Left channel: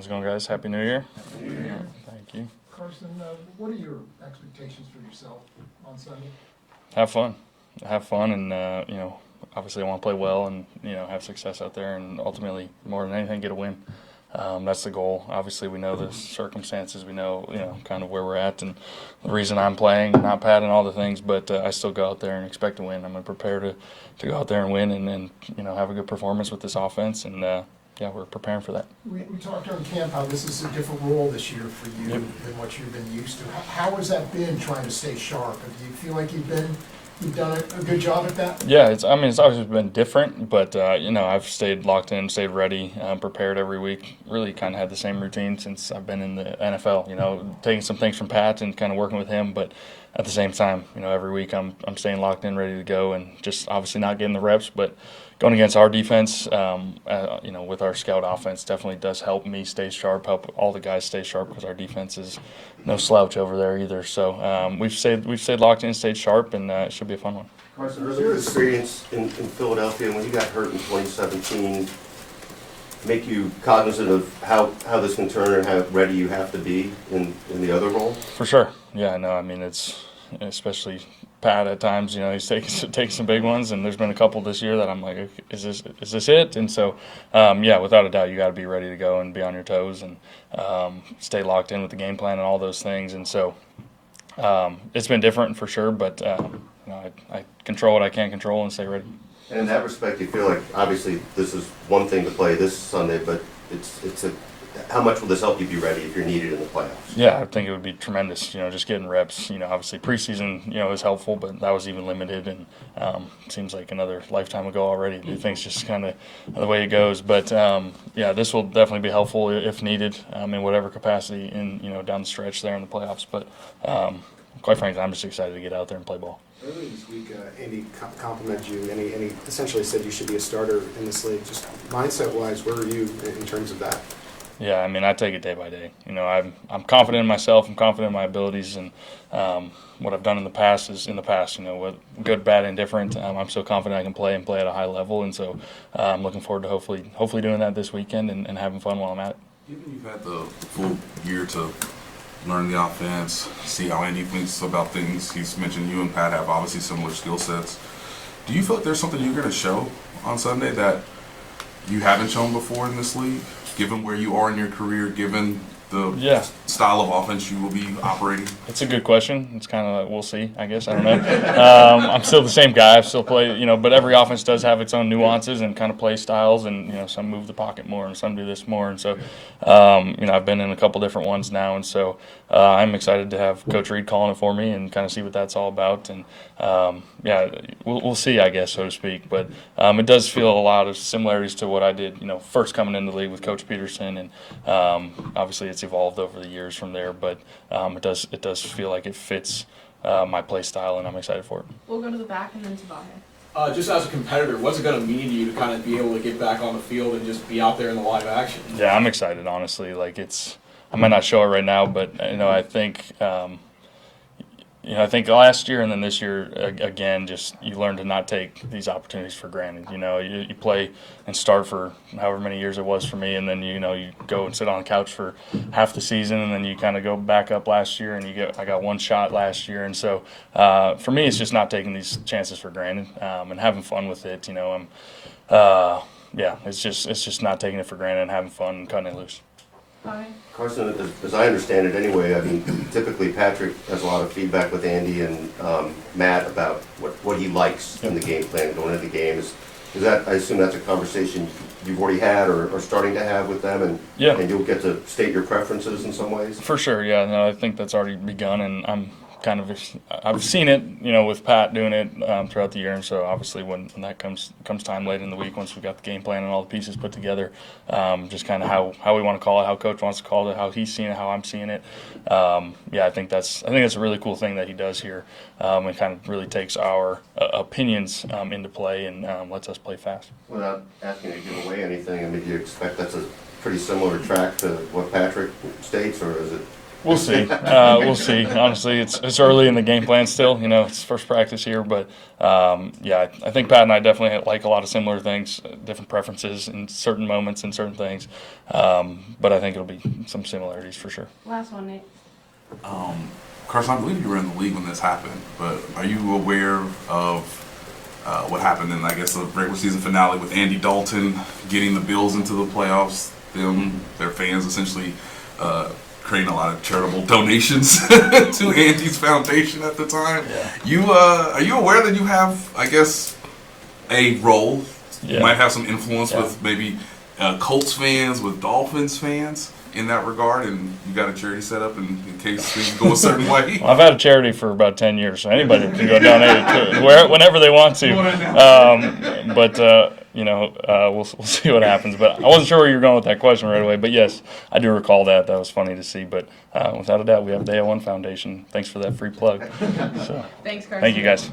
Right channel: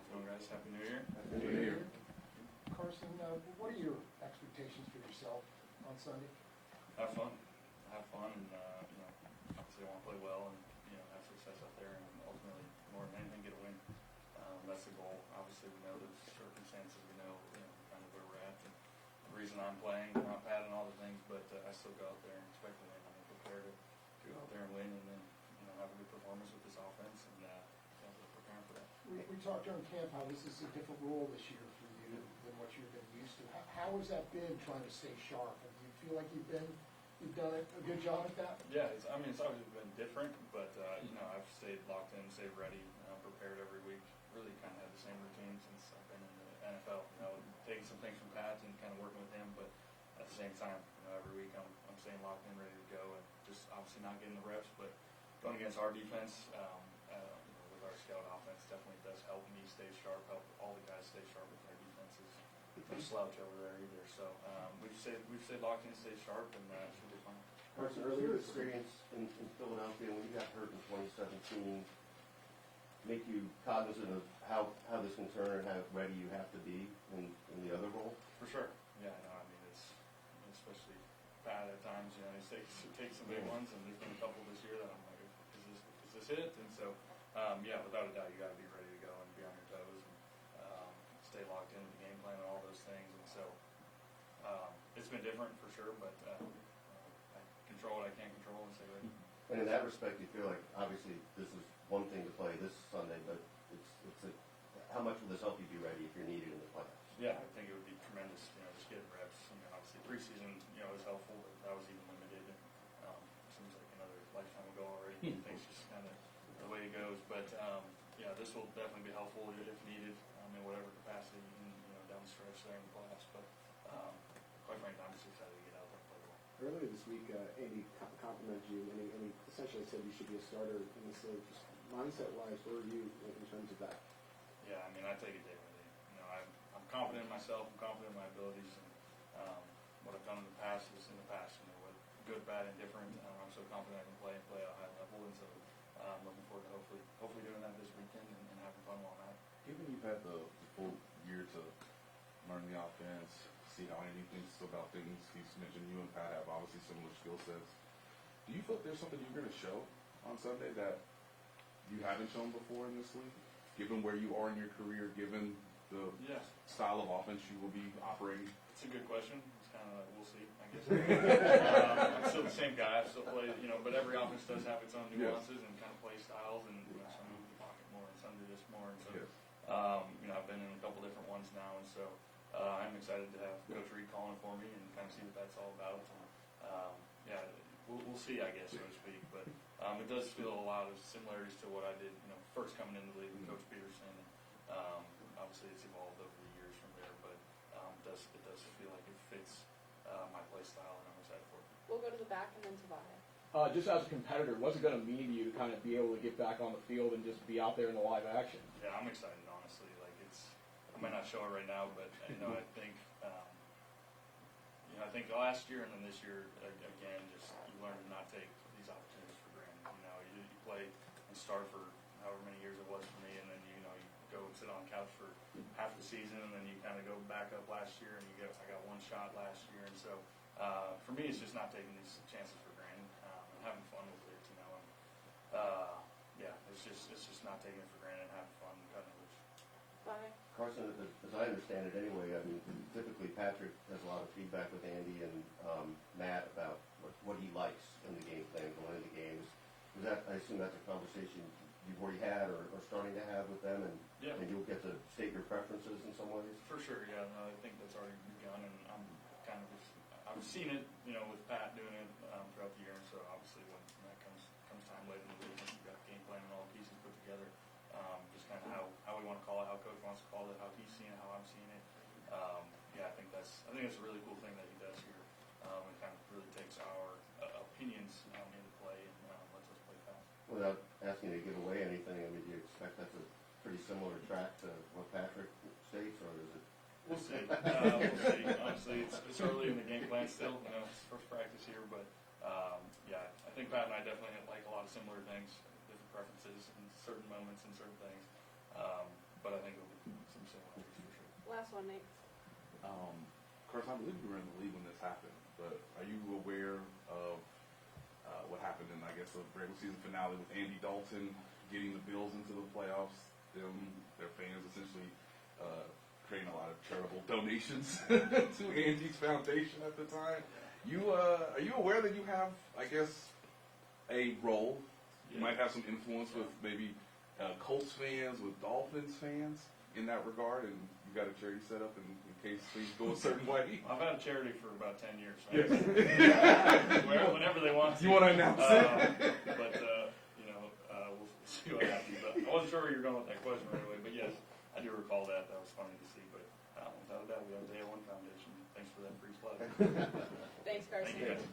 How's it going, guys? Happy New Year. Happy New Year. Thank you. Carson, what are your expectations for yourself on Sunday? Have fun. Have fun, and obviously I want to play well and have success out there, and ultimately, more than anything, get a win. That's the goal. Obviously, we know the circumstances. We know kind of where we're at and the reason I'm playing, not Pat, and all the things. But I still go out there and expect to win. I'm going to prepare to go out there and win, and have a good performance with this offense. And we're preparing for that. We talked during camp how this is a different role this year for you Yep. than what you've been used to. How has that been trying to stay sharp? Do you feel like you've done a good job at that? Yeah, it's always been different, but I've stayed locked in, stayed ready, prepared every week. Really kind of had the same routine since I've been in the NFL. Taking some things from Pat and kind of working with him, but at the same time, every week I'm staying locked in, ready to go, and just obviously not getting the reps, but going against our defense, with our scout offense, definitely does help me stay sharp, help all the guys stay sharp, because our defense is no slouch over there either. So we've stayed locked in, stayed sharp, and it should be a fun one. Carson, does your experience in Philadelphia when you got hurt in 2017 make you cognizant of how this can turn and how ready you have to be in the other role? For sure. Yeah, no, it's especially Pat at times, he's taking some big ones, and there's been a couple this year that I'm like, is this it? And so, without a doubt, you got to be ready to go and be on your toes and stay locked in with the game plan and all those things. And so, it's been different for sure, but I control what I can control and stay ready. And in that respect, you feel like obviously this is one thing to play this Sunday, but how much will this help you be ready if you're needed in the playoffs? Yeah, I think it would be tremendous. Just getting reps. Obviously preseason, is helpful, but that was even limited, and seems like another lifetime ago already. Things just kind of the way it goes. But this will definitely be helpful if needed, in whatever capacity down the stretch there in the playoffs. But quite frankly, I'm just excited to get out there and play ball. Earlier this week, Andy complimented you, and he essentially said you should be a starter in this league. Just mindset-wise, where are you in terms of that? Yeah, I take it day by day. I'm confident in myself. I'm confident in my abilities, and what I've done in the past is in the past. With good, bad, indifferent, I'm so confident I can play at a high level, and so I'm looking forward to hopefully doing that this weekend and having fun while I'm at it. Given you've had the full year to learn the offense, see how Andy thinks about things. He's mentioned you and Pat have obviously similar skill sets. Do you feel like there's something you're going to show on Sunday that you haven't shown before in this league, given where you are in your career, given the style of offense you will be operating? It's a good question. It's kind of like, we'll see, I guess. I don't know. I'm still the same guy. I still play, but every offense does have its own nuances and kind of play styles, and, some move the pocket more and some do this more. And so, I've been in a couple different ones now, and so I'm excited to have Coach Reed calling it for me and kind of see what that's all about. And, we'll see, I guess, so to speak. But it does feel a lot of similarities to what I did, first coming into the league with Coach Peterson, and obviously it's evolved over the years from there. But it does feel like it fits my play style, and I'm excited for it. We'll go to the back and then to Bahe. Just as a competitor, what's it going to mean to you to kind of be able to get back on the field and just be out there in the live action? Yeah, I'm excited, honestly. I might not show it right now, but I think I think last year and then this year again, just you learn to not take these opportunities for granted. You play and start for however many years it was for me, and then you go and sit on the couch for half the season, and then you kind of go back up last year, and I got one shot last year, and so for me it's just not taking these chances for granted and having fun with it. It's just not taking it for granted and having fun and cutting it loose. Bahe. Carson, as I understand it anyway, typically Patrick has a lot of feedback with Andy and Matt about what he likes in the game plan going into the game. Is that, I assume that's a conversation you've already had or starting to have with them, and you'll get to state your preferences in some ways? For sure, yeah. No, I think that's already begun, and I've seen it, with Pat doing it throughout the year, and so obviously when that comes time late in the week, once we've got the game plan and all the pieces put together, just kind of how we want to call it, how Coach wants to call it, how he's seeing it, how I'm seeing it. I think that's a really cool thing that he does here, and kind of really takes our opinions into play and lets us play fast. Without asking you to give away anything, do you expect that's a pretty similar track to what Patrick states, or is it We'll see. We'll see. Honestly, it's early in the game plan still. You know, it's first practice here, but yeah, I think Pat and I definitely like a lot of similar things, different preferences in certain moments and certain things. But I think it'll be some similarities for sure. Last one, Nate. Carson, I believe you were in the league when this happened, but are you aware of what happened in, I guess, the regular season finale with Andy Dalton getting the Bills into the playoffs? Their fans essentially creating a lot of charitable donations to Andy's foundation at the time. Yeah. Are you aware that you have, I guess, a role? Yeah. You might have some influence Yeah. with maybe Colts fans, with Dolphins fans in that regard, and you got a charity set up in case things go a certain way. Well, I've had a charity for about 10 years, so anybody can go donate it to whenever they want to. But you know, we'll see what happens. But I wasn't sure where you were going with that question right away. But yes, I do recall that. That was funny to see. But without a doubt, we have the A1 Foundation. Thanks for that free plug. So, Thanks, Carson. thank you guys.